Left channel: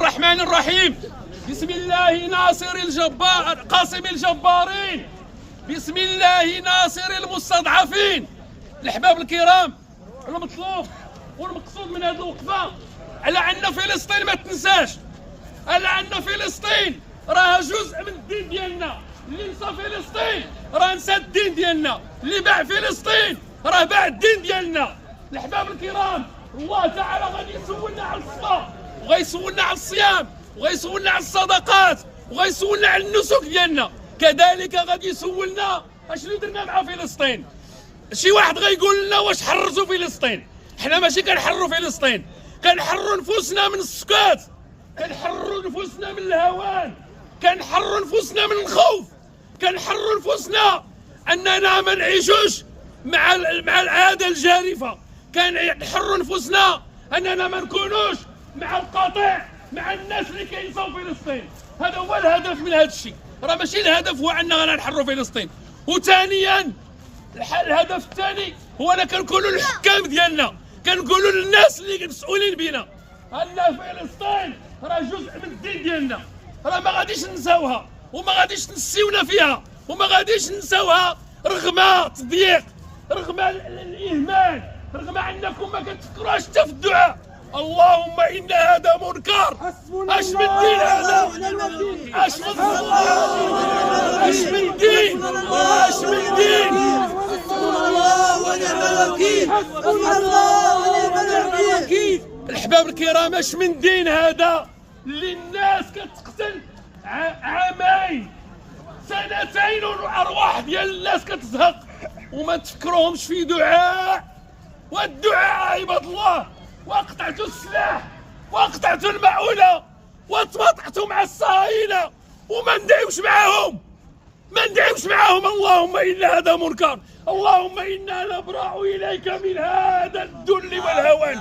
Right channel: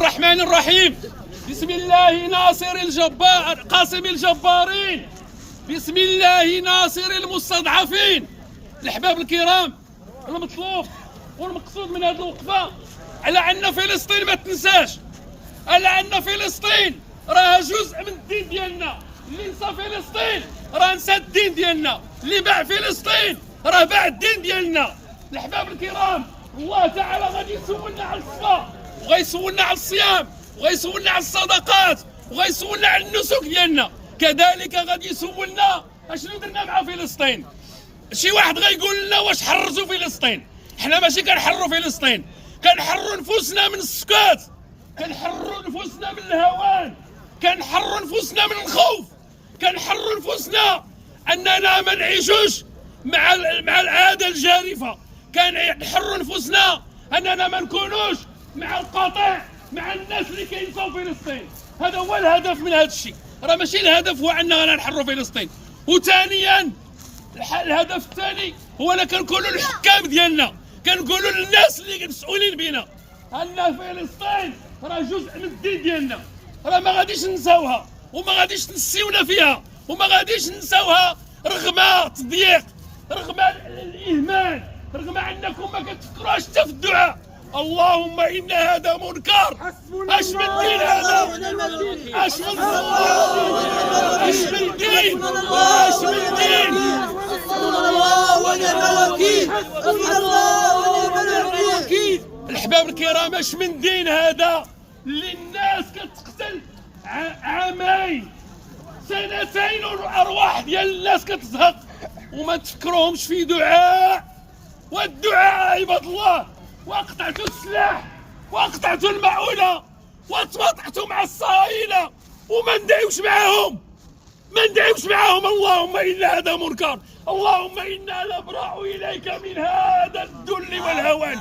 الرحمن الرحيم. بسم الله ناصر الجبار قاسم الجبارين، بسم الله ناصر المستضعفين. الأحباب الكرام، المطلوب والمقصود من هذه الوقفة على أن فلسطين ما تنساش، على أن فلسطين راها جزء من الدين ديالنا. اللي نسى فلسطين راه نسى الدين ديالنا، اللي باع فلسطين راه باع الدين ديالنا. الأحباب الكرام، الله تعالى غادي يسولنا على الصلاة، وغيسولنا على الصيام، وغيسولنا على الصدقات، وغيسولنا على النسك ديالنا. كذلك غادي يسولنا اشنو درنا مع فلسطين. شي واحد غيقول لنا واش حرزوا فلسطين؟ حنا ماشي كنحرروا فلسطين، كنحرروا نفوسنا من السكات، كنحرروا نفوسنا من الهوان، كنحرروا نفوسنا من الخوف، كنحرروا نفوسنا اننا ما نعيشوش مع العاده الجارفه، كنحرروا نفوسنا اننا ما نكونوش مع القطيع، مع الناس اللي كينساو فلسطين. هذا هو الهدف من هذا الشيء، راه ماشي الهدف هو اننا نحرروا فلسطين. وثانيا الهدف الثاني هو أن كنقولوا للحكام ديالنا، كنقولوا للناس اللي مسؤولين بينا ان فلسطين راه جزء من الدين ديالنا، راه ما غاديش ننساوها وما غاديش تنسيونا فيها وما غاديش ننساوها رغم تضييق، رغم الاهمال، رغم انكم ما كتفكروش حتى في الدعاء. اللهم ان هذا منكر، اش من دين هذا؟ اش من دين؟ اش من دين؟ حسبنا الله ونعم الوكيل، حسبنا الله ونعم الوكيل. الأحباب الكرام، اش من دين هذا اللي الناس كتقتل عامين سنتين والارواح ديال الناس كتزهق وما تفكروهمش في دعاء؟ والدعاء عباد الله، وقطعتوا السلاح وقطعتوا المعونة وتواطعتوا مع الصهاينة وما ندعيوش معاهم، ما ندعيوش معاهم. اللهم إن هذا منكر، اللهم إنا نبرأ إليك من هذا الذل والهوان.